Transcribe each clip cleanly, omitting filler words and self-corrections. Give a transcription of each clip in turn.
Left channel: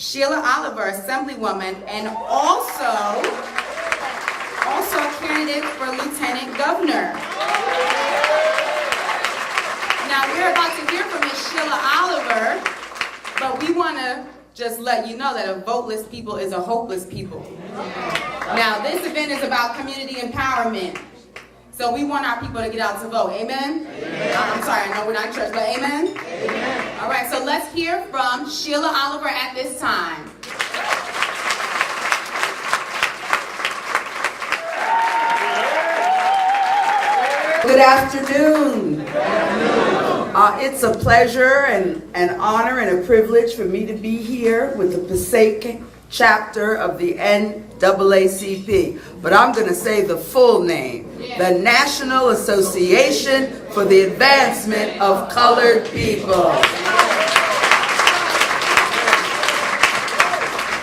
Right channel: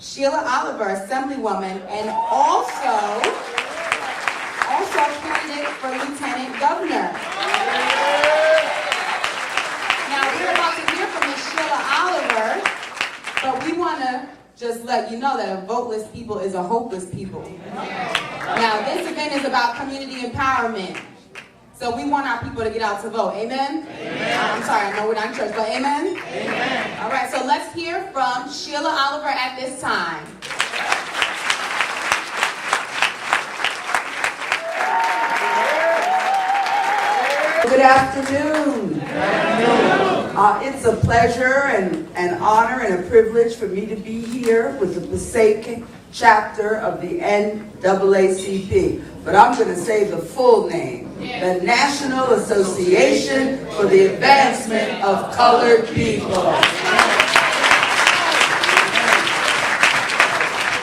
Sheila Oliver, Assemblywoman, and also a candidate for Lieutenant Governor. Now, we're about to hear from Ms. Sheila Oliver, but we want to just let you know that a voteless people is a hopeless people. Now, this event is about community empowerment. So we want our people to get out to vote. Amen? Amen. I'm sorry, I know we're not in church, but amen? Amen. All right, so let's hear from Sheila Oliver at this time. Good afternoon. It's a pleasure and an honor and a privilege for me to be here with the Passaic chapter of the NAACP. But I'm going to say the full name, the National Association for the Advancement of Colored People.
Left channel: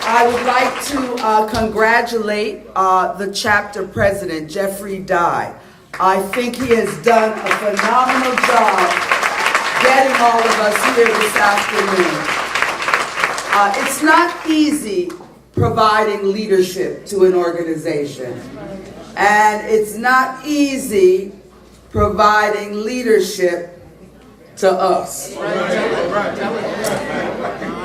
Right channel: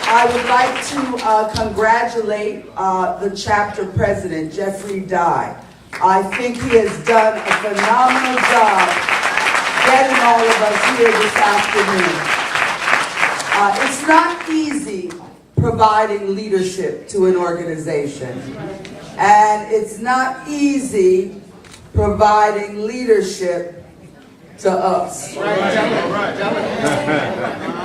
I would like to congratulate the chapter president, Jeffrey Dye. I think he has done a phenomenal job getting all of us here this afternoon. It's not easy providing leadership to an organization, and it's not easy providing leadership to us.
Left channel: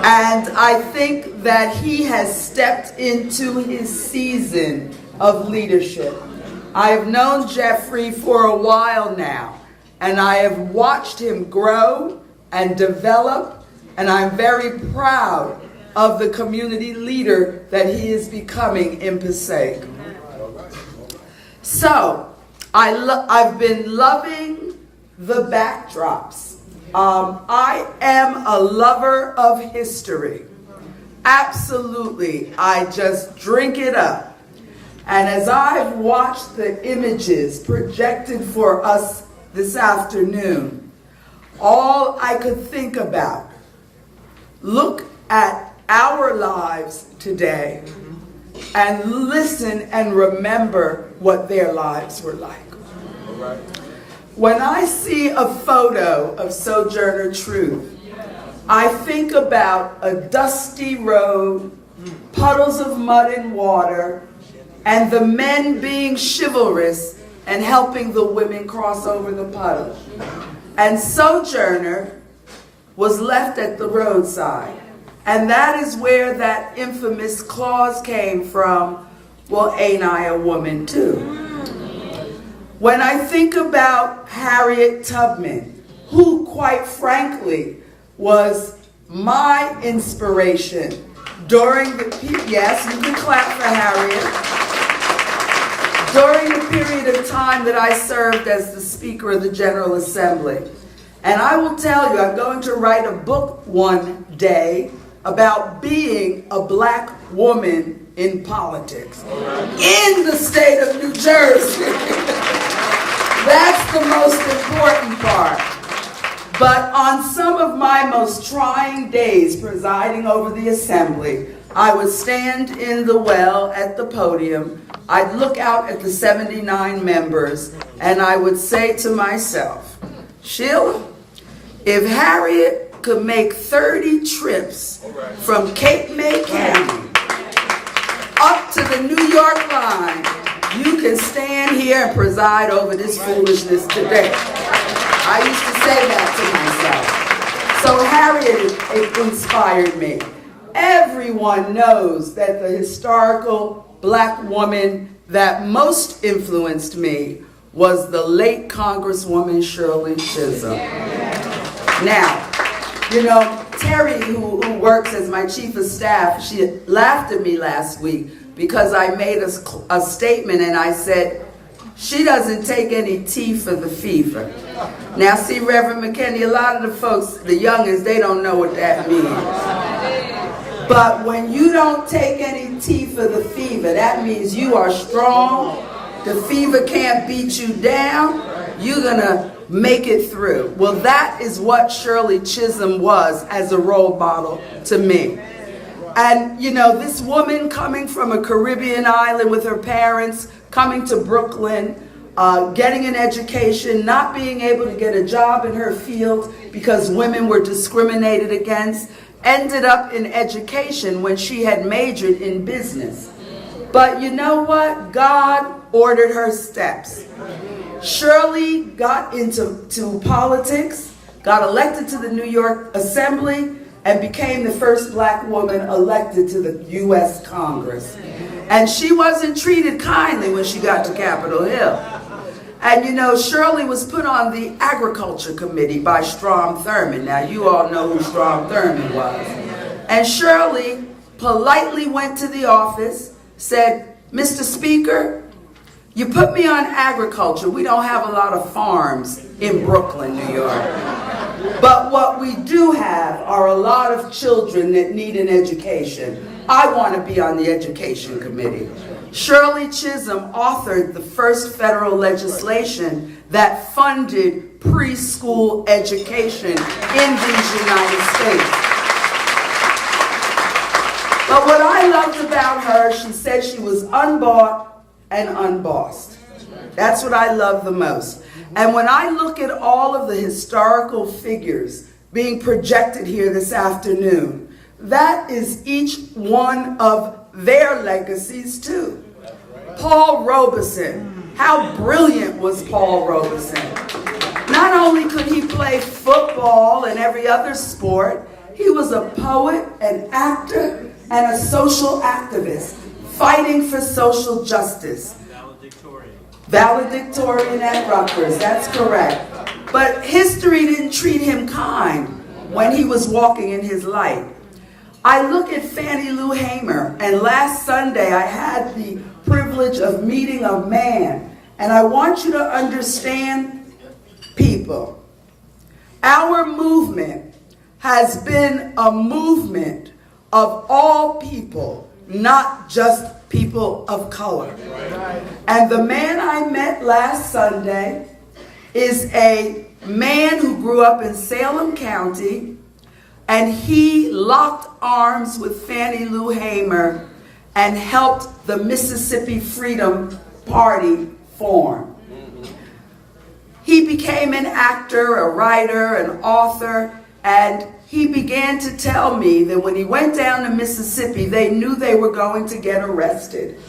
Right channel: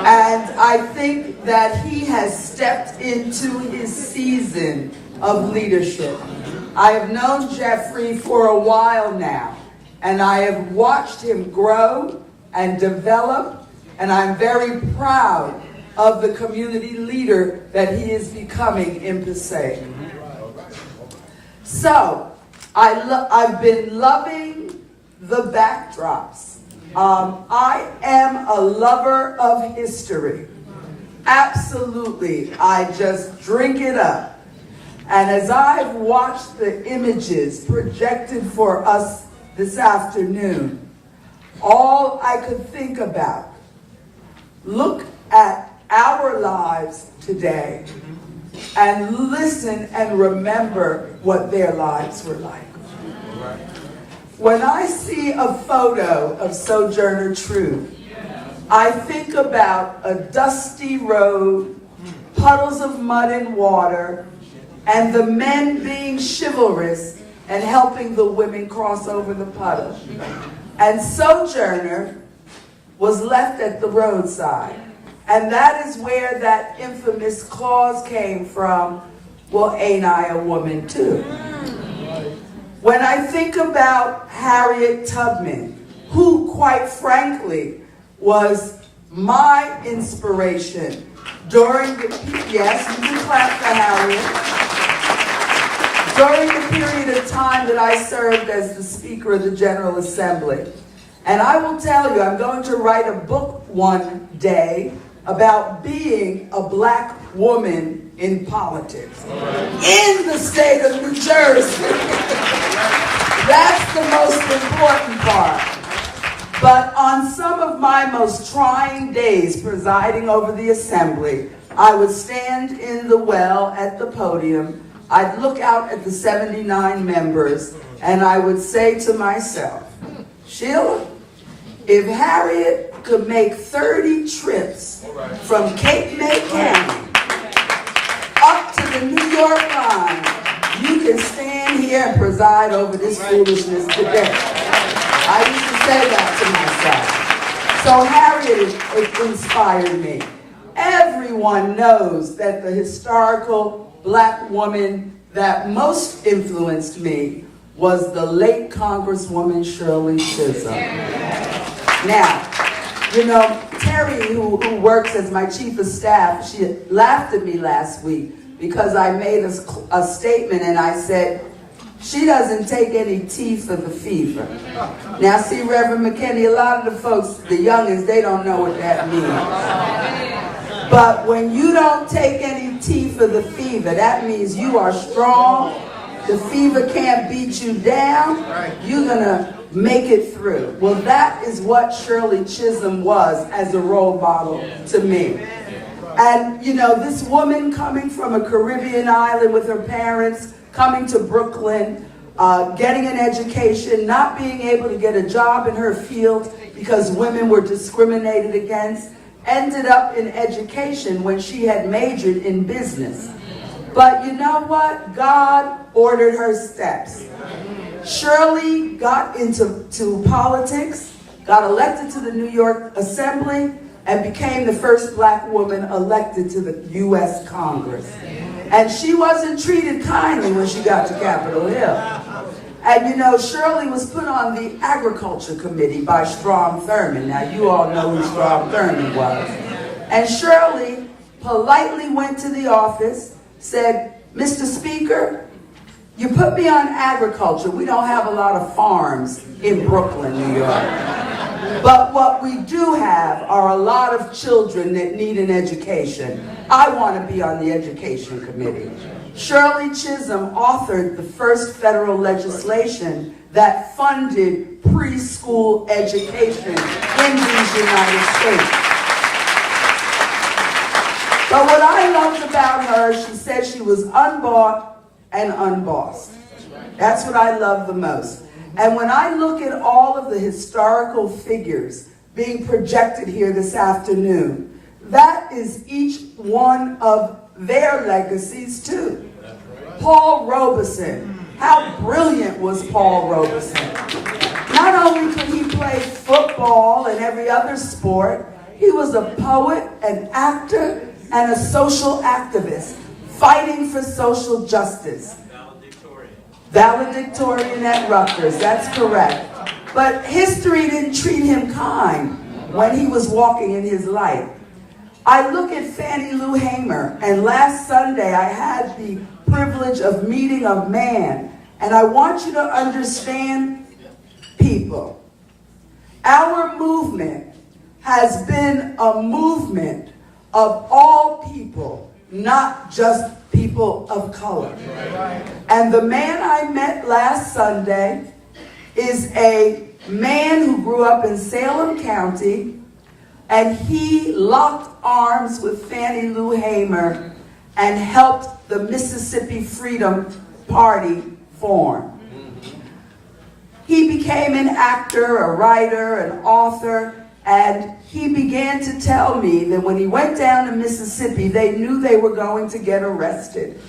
And I think that he has stepped into his season of leadership. I've known Jeffrey for a while now, and I have watched him grow and develop, and I'm very proud of the community leader that he is becoming in Passaic. So, I've been loving the backdrops. I am a lover of history. Absolutely, I just drink it up. And as I've watched the images projected for us this afternoon, all I could think about, look at our lives today and listen and remember what their lives were like. When I see a photo of Sojourner Truth, I think about a dusty road, puddles of mud and water, and the men being chivalrous and helping the women cross over the puddle. And Sojourner was left at the roadside. And that is where that infamous clause came from, well, ain't I a woman too? When I think about Harriet Tubman, who quite frankly was my inspiration during the, yes, you can clap for Harriet, during the period of time that I served as the Speaker of the General Assembly. And I will tell you, I'm going to write a book one day about being a black woman in politics in the state of New Jersey. That's the most important part. But on some of my most trying days presiding over the assembly, I would stand in the well at the podium, I'd look out at the 79 members, and I would say to myself, Sheila, if Harriet could make 30 trips from Cape May County up to the New York line, you can stand here and preside over this foolishness today. I used to say that to myself. So Harriet, it inspired me. Everyone knows that the historical black woman that most influenced me was the late Congresswoman Shirley Chisholm. Now, you know, Terry, who works as my chief of staff, she laughed at me last week because I made a statement and I said, she doesn't take any tea for the fever. Now, see, Reverend McKinney, a lot of the folks, the youngins, they don't know what that means. But when you don't take any tea for the fever, that means you are strong. The fever can't beat you down. You're going to make it through. Well, that is what Shirley Chisholm was as a role model to me. And, you know, this woman coming from a Caribbean island with her parents, coming to Brooklyn, getting an education, not being able to get a job in her field because women were discriminated against, ended up in education when she had majored in business. But you know what? God ordered her steps. Shirley got into politics, got elected to the New York Assembly, and became the first black woman elected to the U.S. Congress. And she wasn't treated kindly when she got to Capitol Hill. And you know, Shirley was put on the Agriculture Committee by Strom Thurmond. Now, you all know who Strom Thurmond was. And Shirley politely went to the office, said, "Mr. Speaker, you put me on agriculture. We don't have a lot of farms in Brooklyn, New York. But what we do have are a lot of children that need an education. I want to be on the Education Committee." Shirley Chisholm authored the first federal legislation that funded preschool education in these United States. But what I loved about her, she said she was unbought and unbossed. That's what I love the most. And when I look at all of the historical figures being projected here this afternoon, that is each one of their legacies too. Paul Robeson. How brilliant was Paul Robeson? Not only could he play football and every other sport, he was a poet, an actor, and a social activist, fighting for social justice. Valedictorian at Rutgers, that's correct. But history didn't treat him kind when he was walking in his light. I look at Fannie Lou Hamer, and last Sunday I had the privilege of meeting a man, and I want you to understand, people, our movement has been a movement of all people, not just people of color. And the man I met last Sunday is a man who grew up in Salem County, and he locked arms with Fannie Lou Hamer and helped the Mississippi Freedom Party form. He became an actor, a writer, an author, and he began to tell me that when he went down to Mississippi, they knew they were going to get arrested.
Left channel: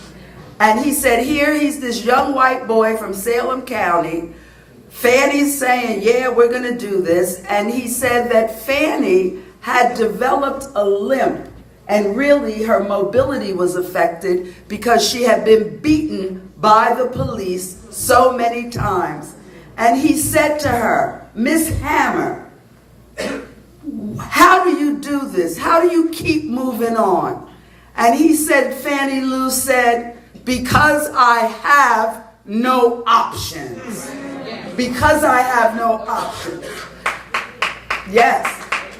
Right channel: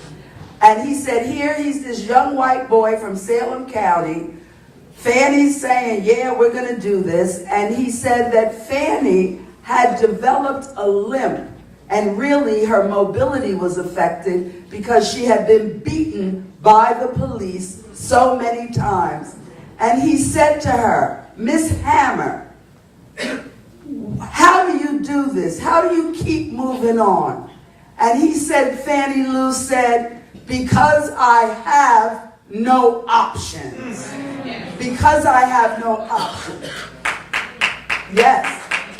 And he said, here he's this young white boy from Salem County. Fannie's saying, yeah, we're going to do this. And he said that Fannie had developed a limp, and really her mobility was affected because she had been beaten by the police so many times. And he said to her, "Miss Hammer, how do you do this? How do you keep moving on?" And he said, Fannie Lou said, "Because I have no options." Because I have no options. Yes.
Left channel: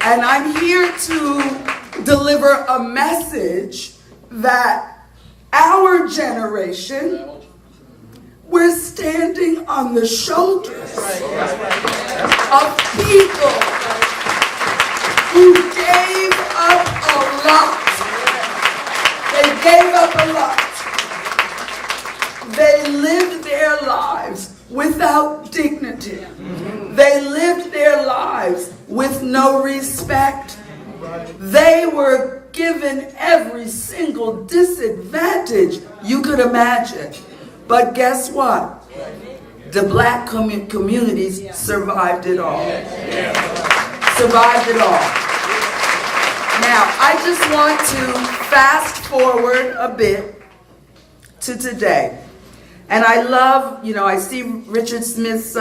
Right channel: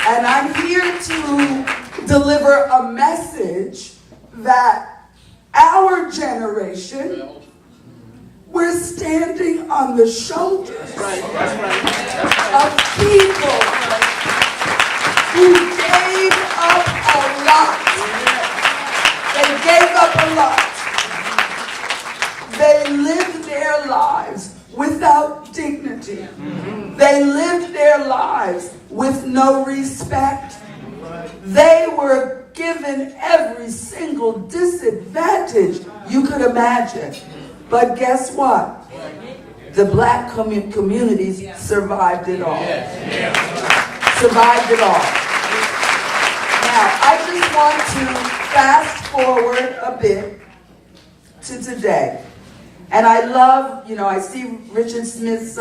And I'm here to deliver a message that our generation, we're standing on the shoulders of people who gave up a lot. They gave up a lot. They lived their lives without dignity. They lived their lives with no respect. They were given every single disadvantage you could imagine. But guess what? The black communities survived it all. Survived it all. Now, I just want to fast forward a bit to today. And I love, I see Richard Smith's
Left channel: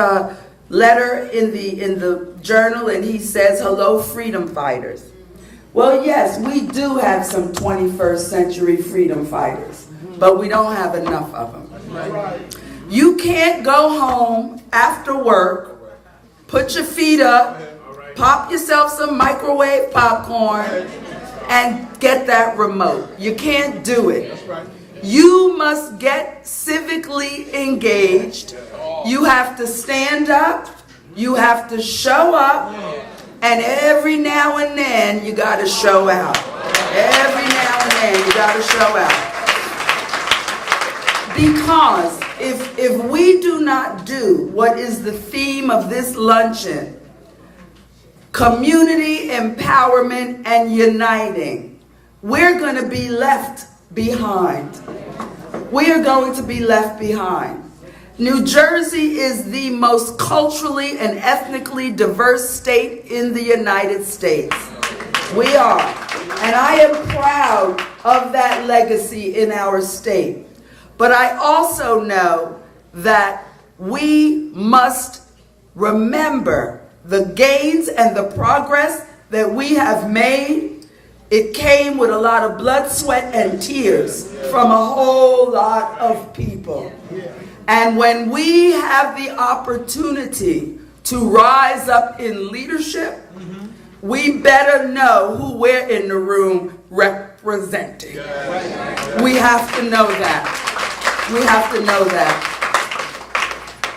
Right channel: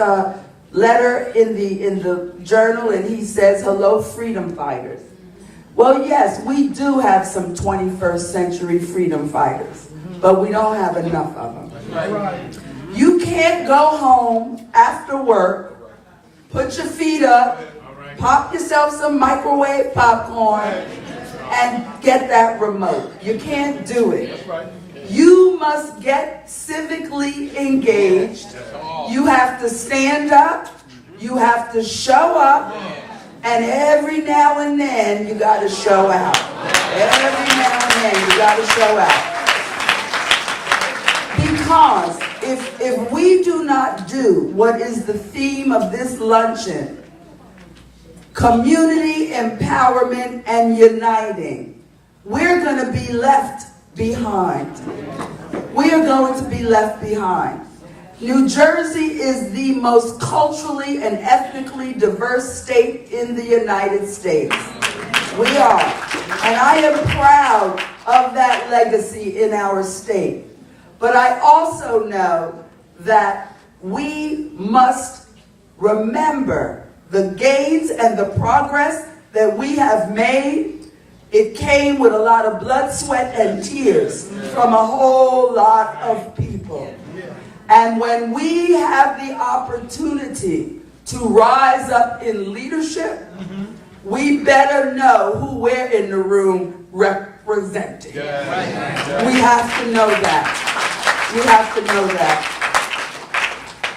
letter in the journal, and he says, "Hello, freedom fighters." Well, yes, we do have some 21st century freedom fighters, but we don't have enough of them. You can't go home after work, put your feet up, pop yourself some microwave popcorn, and get that remote. You can't do it. You must get civically engaged. You have to stand up. You have to show up. And every now and then, you got to show out. Every now and then, you got to show out. Because if we do not do what is the theme of this luncheon, community empowerment and uniting. We're going to be left behind. We are going to be left behind. New Jersey is the most culturally and ethnically diverse state in the United States. We are. And I am proud of that legacy in our state. But I also know that we must remember the gains and the progress that we have made. It came with a lot of blood, sweat, and tears from a whole lot of people. And when we have the opportunity to rise up in leadership, we better know who we're in the room representing. We have to know that. We have to know that.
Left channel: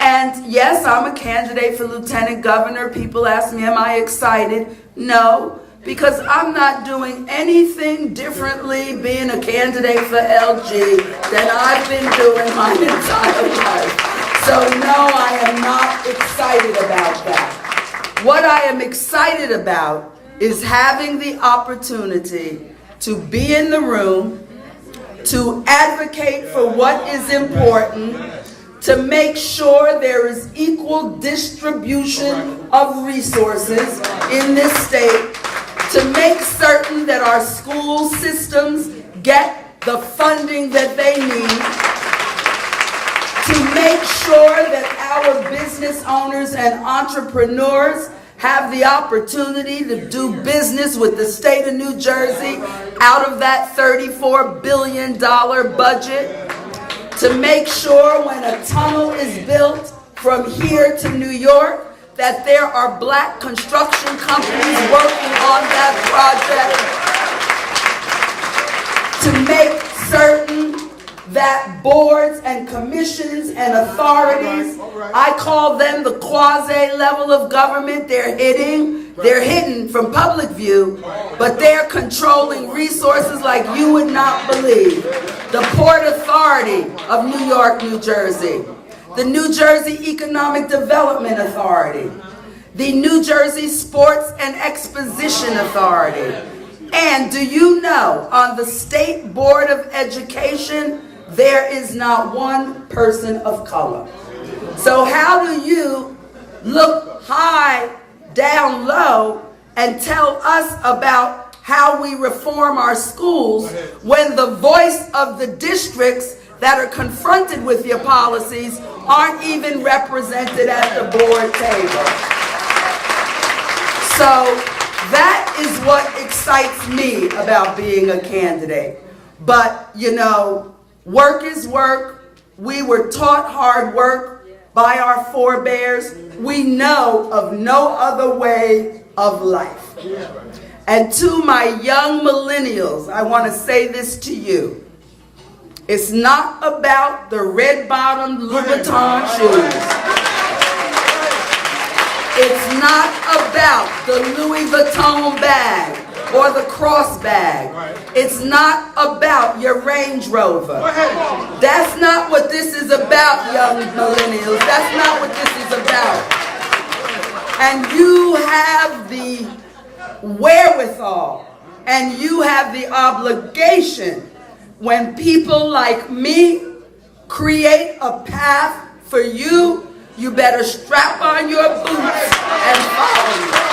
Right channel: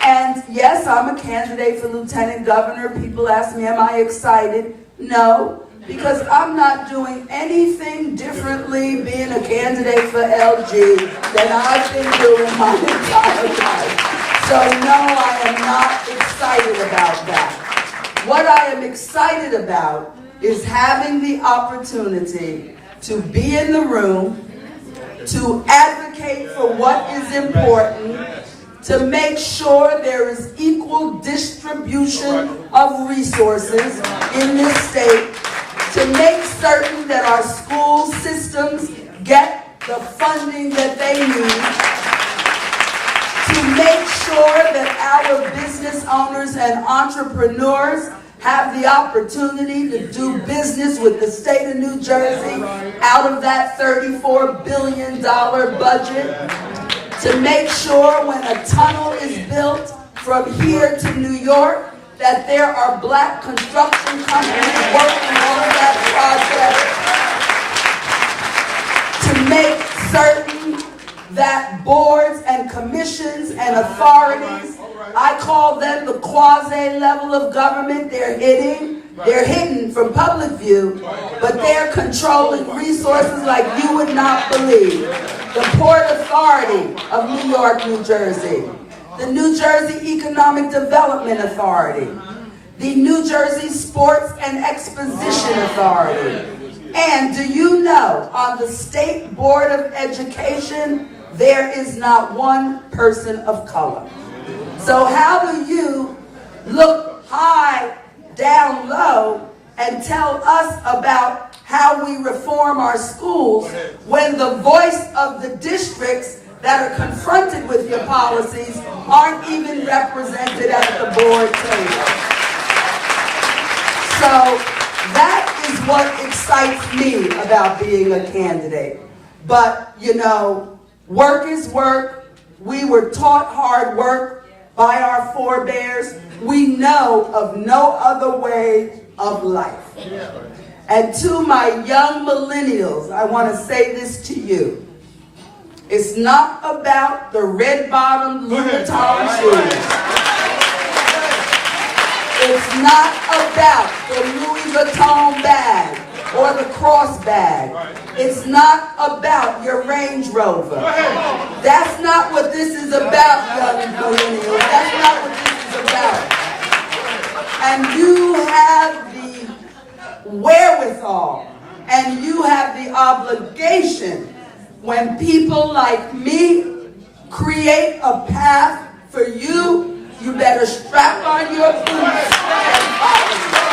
And yes, I'm a candidate for lieutenant governor. People ask me, am I excited? No, because I'm not doing anything differently being a candidate for LG than I've been doing my entire life. So no, I am not excited about that. What I am excited about is having the opportunity to be in the room, to advocate for what is important, to make sure there is equal distribution of resources in this state, to make certain that our school systems get the funding that they need, to make sure that our business owners and entrepreneurs have the opportunity to do business with the state of New Jersey out of that $34 billion budget, to make sure when a tunnel is built from here to New York that there are black construction companies working on that project, to make certain that boards and commissions and authorities, I call them the quasi-level of government, they're hidden from public view, but they're controlling resources like you would not believe. The Port Authority of New York, New Jersey, the New Jersey Economic Development Authority, the New Jersey Sports and Exposition Authority. And do you know, on the State Board of Education, there is not one person of color. So how do you look high, down low, and tell us about how we reform our schools when the voice of the districts that are confronted with your policies aren't even represented at the board table? So that is what excites me about being a candidate. But, you know, work is work. We were taught hard work by our forebears. We know of no other way of life. And to my young millennials, I want to say this to you. It's not about the red-bottomed Louis Vuitton shoes. It's not about the Louis Vuitton bag or the cross bag. It's not about your Range Rover. That's not what this is about, young millennials. That's not what this is about. And you have the wherewithal and you have the obligation when people like me create a path for you, you better strap on your boots and follow me.